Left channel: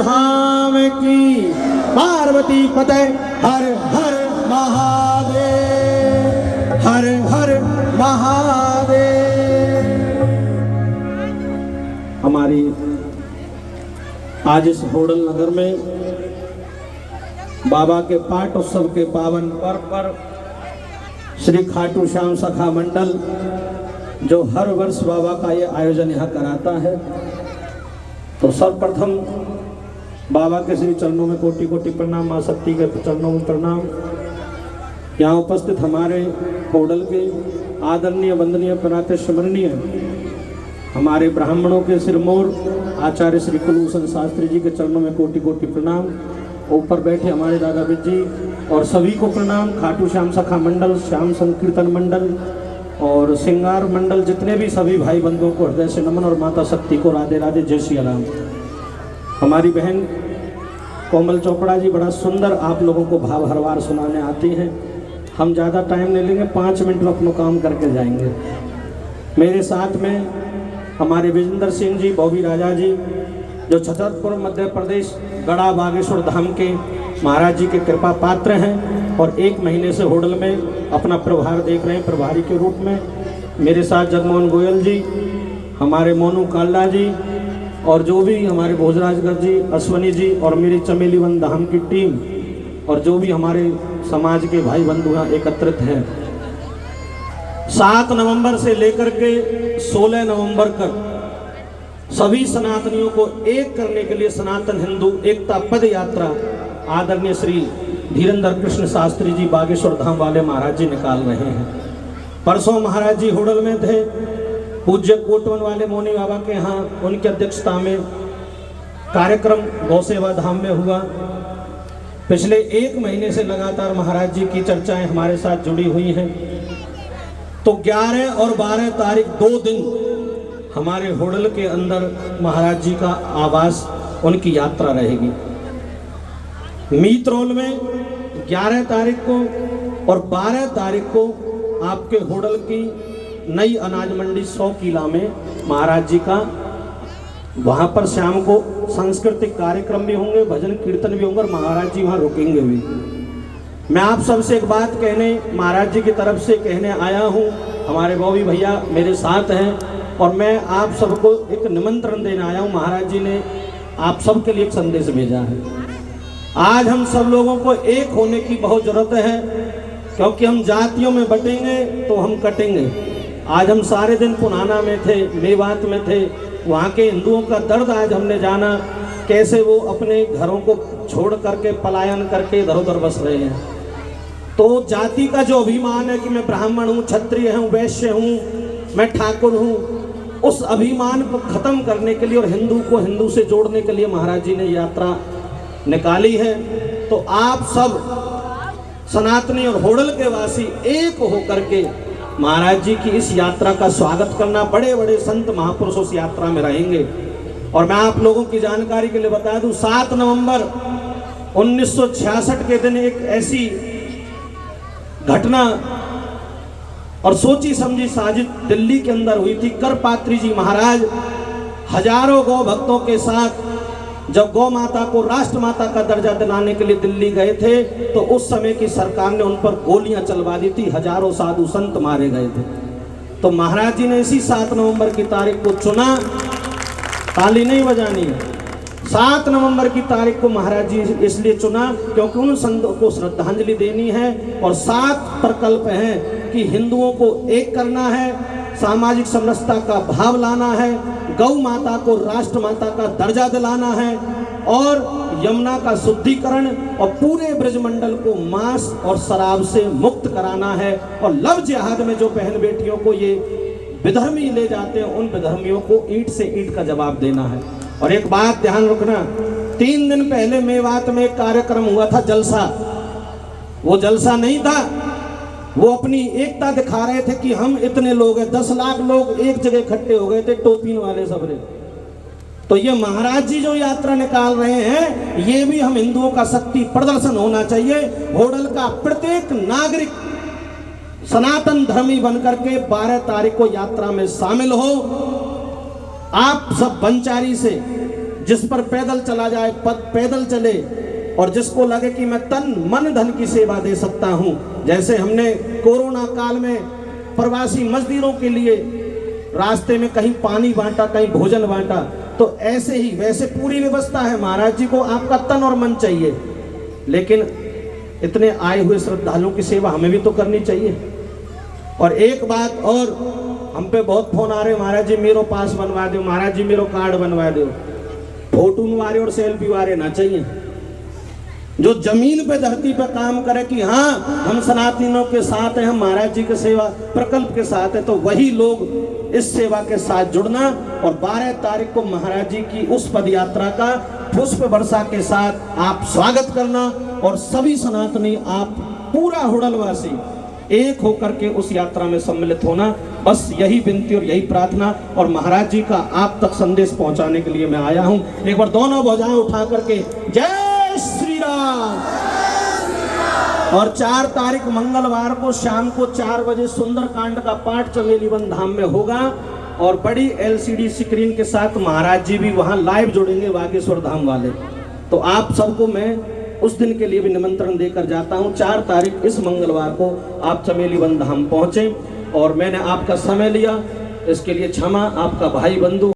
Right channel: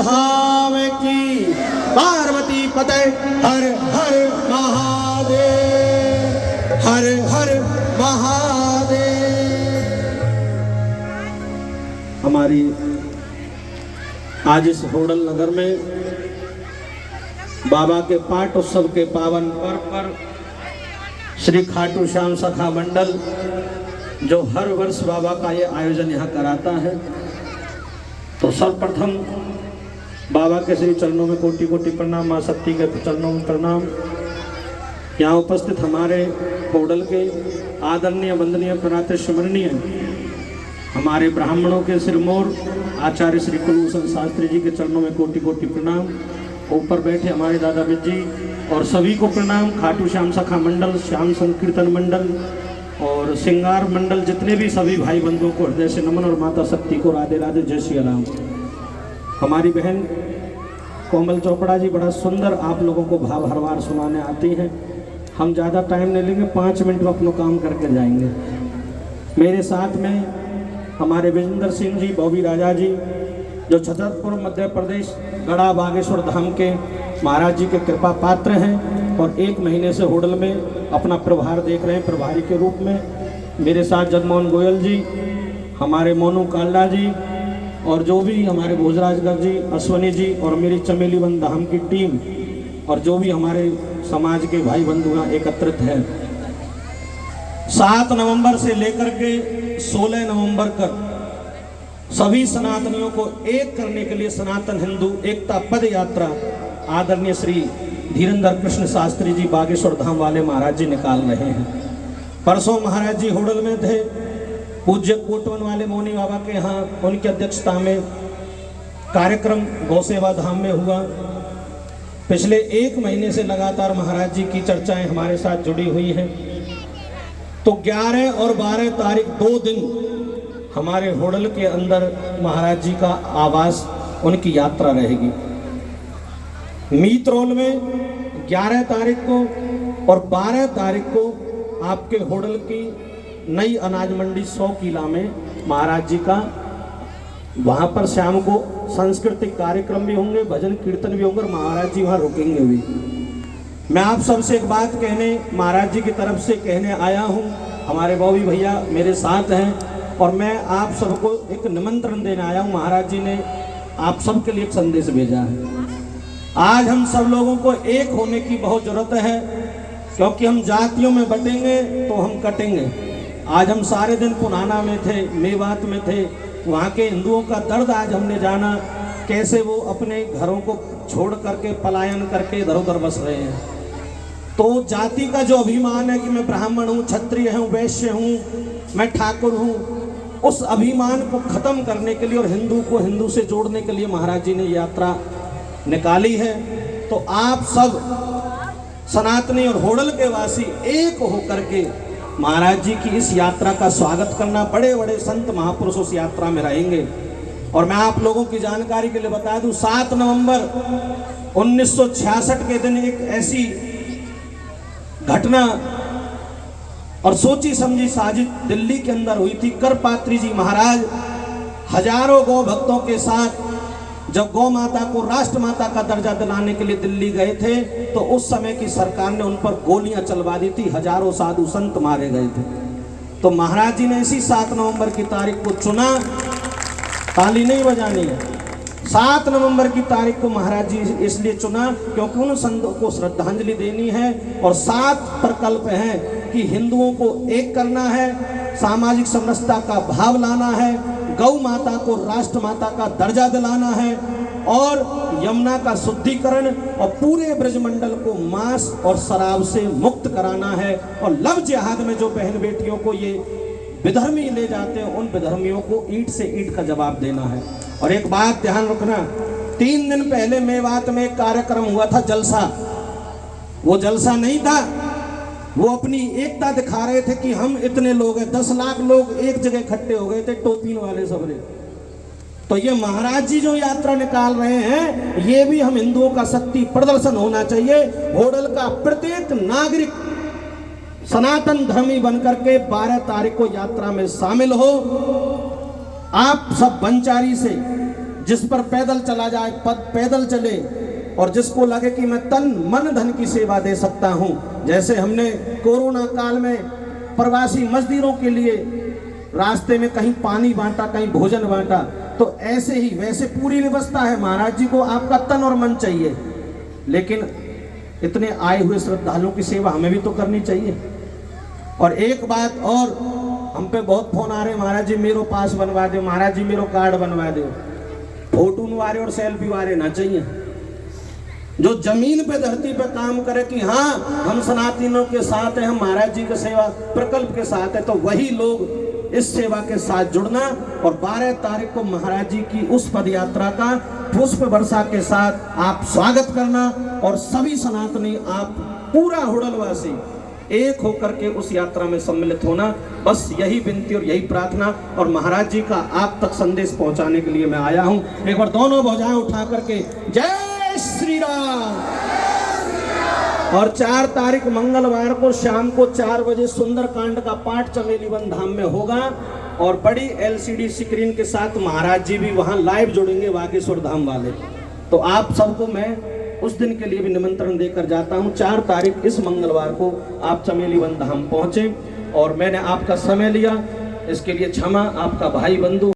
धाम की। पार्वती पते हर हर महादेव, हर हर महादेव। हमारी आज इस होडल नगर में बाबा के पाठ उत्सव के पावन पर्व पर श्री खाटू श्याम सखा मंडल जो हर वर्ष बाबा का ये आयोजन यहाँ कराता है, तो सर्वप्रथम बाबा के श्री चरणों में कोटि कोटि प्रणाम, माँ शक्ति के चरणों में प्रणाम। यहाँ उपस्थित हमारे होडल के आदरणीय वंदनीय प्रणात स्मरणीय हमारे ब्राह्मणों के सिरमौर आचार्य श्री कुलभूषण शास्त्री जी के चरणों में कोटि कोटि प्रणाम। ऊपर बैठे हमारे दादा जी और सभी को प्रणाम। खाटू श्याम सखा मंडल, श्याम संकीर्तन मंडल और श्रृंगार मंडल, जितने भी सभी भाई बंधुओं को हृदय से नमन और माता शक्ति को राधे राधे, जय श्री राम। हमारी बहन कोमल चोपड़ा जी बड़ा सुंदर आप लोगों को भाव हरवार सुनाने आती हैं। हम ज़्यादा टाइम नहीं लेंगे, 5 मिनट में अपना काम करके जाएंगे। मेरे साथ में हमारे विजेंद्र सिंह जी, बॉबी राजा जी, जो छतरपुर मध्य प्रदेश गढ़ा बागेश्वर धाम के महाराज जी के कृपा पात्र हैं और 1 महीने से होडल में अपना प्रभार देख रहे हैं प्रभारी के रूप में। मेरे साथ जगमोहन गोयल जी, हमारे मोनू काल्ला जी और जो भी हमारे भोजराजगढ़ जी, अश्वनी जी और मेरी चमेली वन धाम की टीम और जो भी हमारे समाज के भाई बंधु यहाँ एकत्रित हैं। 7 नवंबर से लेकर के 16 नवंबर तक सभी सनातनियों को एक करने के लिए सनातन हिंदू एकता पद यात्रा आदरणीय श्री धीरेन्द्र कृष्ण शास्त्री जी बागेश्वर धाम वाले महाराज जी निकाल रहे हैं। परसों महाराज जी होडल में थे, पूज्य कोटवन वाले मौनी बाबा के यहाँ उनकी अध्यक्षता में कार्यक्रम गौसेवा धाम में हुआ। पिछले 1 महीने से लगातार महाराज जी की चर्चाएं हमारे साथ जुड़ी हुई हैं। तो 11 और 12 तारीख 2 दिन हमारे होडल के अंदर महाराज जी का आवास, उनकी यात्रा रहेगी। मीतरौल में 11 तारीख को और 12 तारीख को आपके होडल की नई अनाज मंडी 100 किला में महाराज जी का, वहाँ पर शाम को सांस्कृतिक कार्यक्रम भी होंगे, भजन कीर्तन भी होंगे और महाराज जी वहाँ रुकेंगे भी। मैं आप सबसे एक बात कहने, महाराज जी की तरफ से कहने आया हूँ। हमारे बॉबी भैया मेरे साथ हैं और मैं आप सबको एक निमंत्रण देने आया हूँ। महाराज जी ने आप सबके लिए एक संदेश भेजा है। आज हम सब लोगों को एक होने की बहुत जरूरत है, क्योंकि हम जातियों में बटेंगे तो हम कटेंगे। आज हम सारे दिन पुनाना में थे, मेवात में थे, वहाँ के हिंदुओं का दर्द आज हमने जाना, कैसे वो अपने घरों को छोड़ करके पलायन करके इधर उधर बस रहे हैं। तो जाति का जो अभिमान है कि मैं ब्राह्मण हूँ, क्षत्रिय हूँ, वैश्य हूँ, मैं ठाकुर हूँ, उस अभिमान को खत्म करने के लिए और हिंदू को हिंदू से जोड़ने के लिए महाराज जी ने यात्रा निकाली है। तो आप सब सनातनी और होडल के वासी एक होकर के महाराज जी की इस यात्रा का स्वागत करना। बड़े बड़े संत महापुरुष उस यात्रा में रहेंगे। और मैं आप लोगों की जानकारी के लिए बता दूं, 7 नवंबर 1966 के दिन एक ऐसी घटना और सोची समझी साजिश दिल्ली के अंदर हुई थी। करपात्री जी महाराज हजारों गौ भक्तों के साथ जब गौ माता को राष्ट्र माता का दर्जा दिलाने के लिए दिल्ली गए थे, तो उस समय की सरकार ने उन पर गोलियां चलवा दी थी, हजारों साधु संत मारे गए थे। तो महाराज जी ने इसी 7 नवंबर की तारीख को चुना। ताली नहीं बजानी है। 7 नवंबर की तारीख को महाराज जी इसलिए चुना क्योंकि उन संतों को श्रद्धांजलि देनी है और 7 प्रकल्प हैं कि हिंदुओं को एक करना है, सामाजिक समरसता का भाव लाना है, गौ माता को राष्ट्र माता का दर्जा दिलाना है और यमुना का शुद्धिकरण और पूरे ब्रजमंडल को मांस और शराब से मुक्त कराना है। और लव जिहाद में जो बहन बेटियों को ये विधर्मी ले जाते हैं, उन विधर्मियों को ईंट से ईंट का जवाब देना है। और एक बात ध्यान रखना, 3 दिन पहले मेवात में एक कार्यक्रम हुआ था, जलसा। वो जलसा नहीं था, वो अपनी एकता दिखा रहे थे कि हम इतने लोग हैं, 10 लाख लोग एक जगह इकट्ठे हो गए थे, टोपी वाले सबरे। तो ये महाराज जी जो यात्रा निकाल रहे हैं, ये भी हम हिंदुओं का शक्ति प्रदर्शन होना चाहिए। होडल का प्रत्येक नागरिक सनातन धर्मी बनकर के 12 तारीख को यात्रा में शामिल हो। आप सब बंचारी से जिस पर पैदल चला जाए पैदल चले, और जिसको लगे कि मैं तन मन धन की सेवा दे सकता हूँ। जैसे हमने कोरोना काल में प्रवासी मजदूरों के लिए रास्ते में कहीं पानी बांटा, कहीं भोजन बांटा, तो ऐसे ही वैसे पूरी व्यवस्था है। महाराज जी को आपका तन और मन चाहिए, लेकिन इतने आए हुए श्रद्धालुओं की सेवा हमें भी तो करनी चाहिए। और एक बात और, हम पे बहुत फोन आ रहे, महाराज जी मेरो पास बनवा दो, महाराज जी मेरो कार्ड बनवा दो। फोटो वाले और सेल्फी वाले ना चाहिए। जो जमीन पे धरती पे काम करे कि हाँ हम सनातनियों के साथ हैं, हम महाराज जी के सेवा प्रकल्प के साथ है, तो वही लोग इस सेवा के साथ जुड़ना। और 12 तारीख को महाराज जी की उस पद यात्रा का पुष्प वर्षा के साथ आप स्वागत करना, और सभी सनातनी आप पूरा हुडलवासी एक होकर के उस यात्रा में सम्मिलित होना। बस यही विनती और यही प्रार्थना, और महाराज जी का आप तक संदेश पहुंचाने के लिए मैं आया हूं। एक बार दोनों भुजाएं उठा करके जय श्री राम। और 4 तारीख मंगलवार को शाम को 4 बजे सुंदरकांड का पाठ चमेली वन धाम में होगा, और बड़ी LCD स्क्रीन के साथ महाराज जी भी वहां लाइव जुड़ेंगे, बागेश्वर धाम वाले। तो आप सबको मैं उस दिन के लिए भी निमंत्रण देकर जाता हूं। 4 तारीख इस मंगलवार को आप चमेली वन धाम पहुंचे, और मैंने आपका समय लिया, इसके लिए क्षमा। आपका भाई बंधु